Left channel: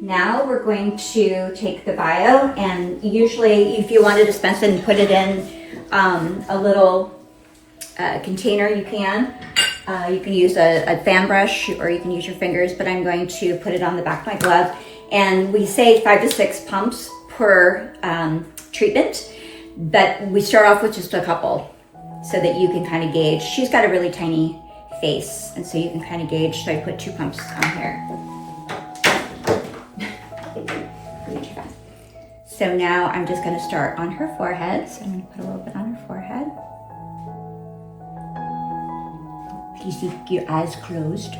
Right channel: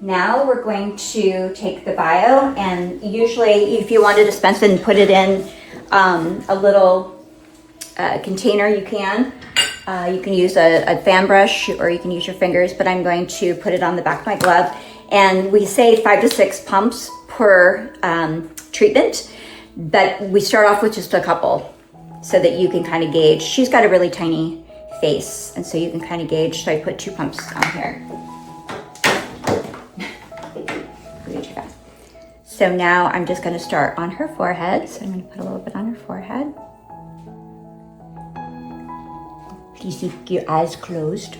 Now we're going to take the bio, and usually if you want to dispense it and put it in a little container, you can. You can use a fan brush or you can use your fingers, but I'm going to put it on the back of my glove. And we say 5 to 6 pumps per treatment, but we start off with just a couple so that you can kind of gauge. She's got a really tiny face, and so you can kind of gauge. So I put 2 pumps on here. So now I'm just going to start on her forehead. So I'm going to put a little bit on her forehead. Please keep your eyes closed.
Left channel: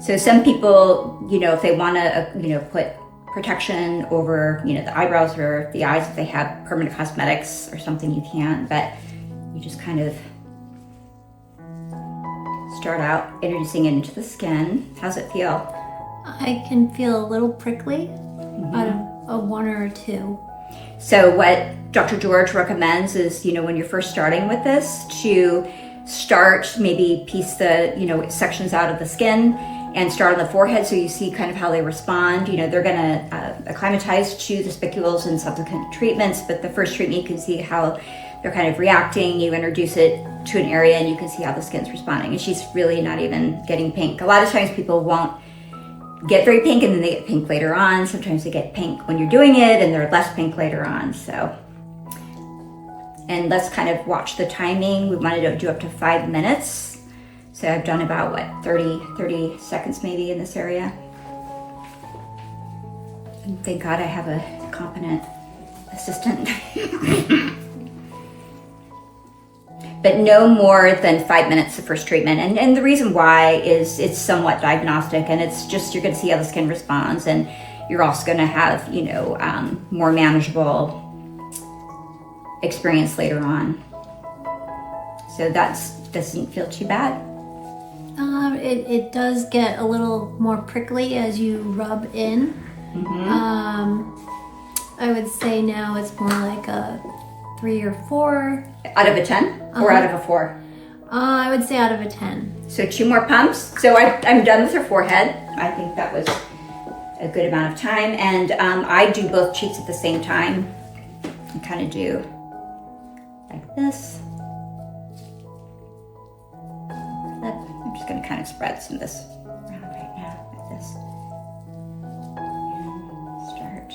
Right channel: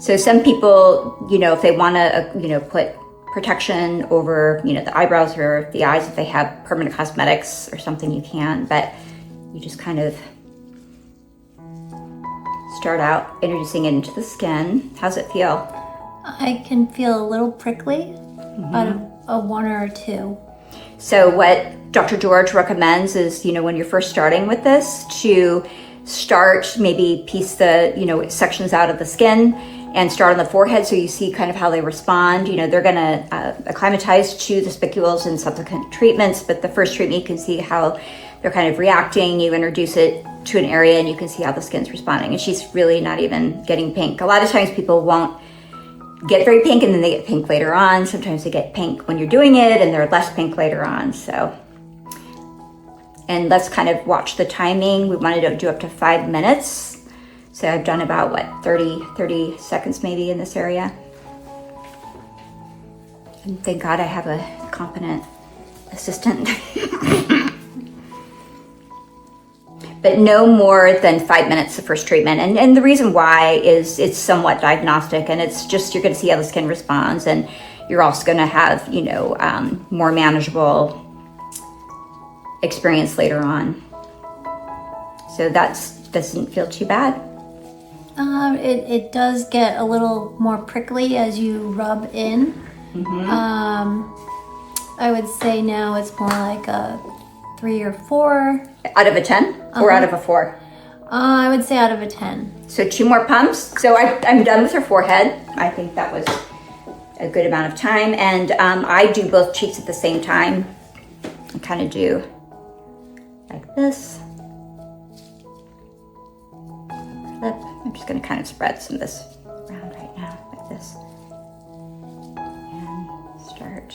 So some people, if they want to, put protection over, the eyebrows or the eyes, if they have permanent cosmetics or something, you can. But you just kind of start out introducing it into the skin. How's it feel? I can feel a little prickly out of a 1 or 2. So what Dr. George recommends is, when you're first starting with this, to start, maybe piece the, sections out of the skin and start on the forehead so you see kind of how they respond. They're going to acclimatize to the spicules in subsequent treatments, but the first treatment you can see how they're kind of reacting. You introduce it to an area and you can see how the skin's responding. And she's really not even getting pink. A lot of times people won't get very pink and then they get pink later on. Sometimes they get pink when you're doing it and they're less pink later on. So, and let's kind of watch the timing. We wanted to do up to 5 minutes. So I've done about 30 seconds maybe in this area. And thank God I have a competent assistant. But no more than 5 minutes the first treatment. And the reason why is it's somewhat diagnostic, and it's just, you're gonna see how the skin responds, and you're also gonna have, more manageable experience later on. So doesn't feel too bad. It does get a little more prickly as you rub in. I would say now it's more like a 3 or 4. Out of a 10 or out of a 4? I would say out of a 10. So 2 more pumps. So I'm done with her forehead. I think that was a good amount of time. And I do both cheeks at the same time. I kind of do like this. Flip. I'm just going to kind of spread some of this around right now, like this. And start.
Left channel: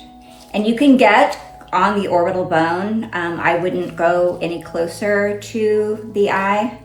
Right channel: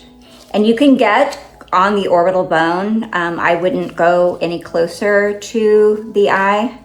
And you can get on the orbital bone. I wouldn't go any closer to the eye.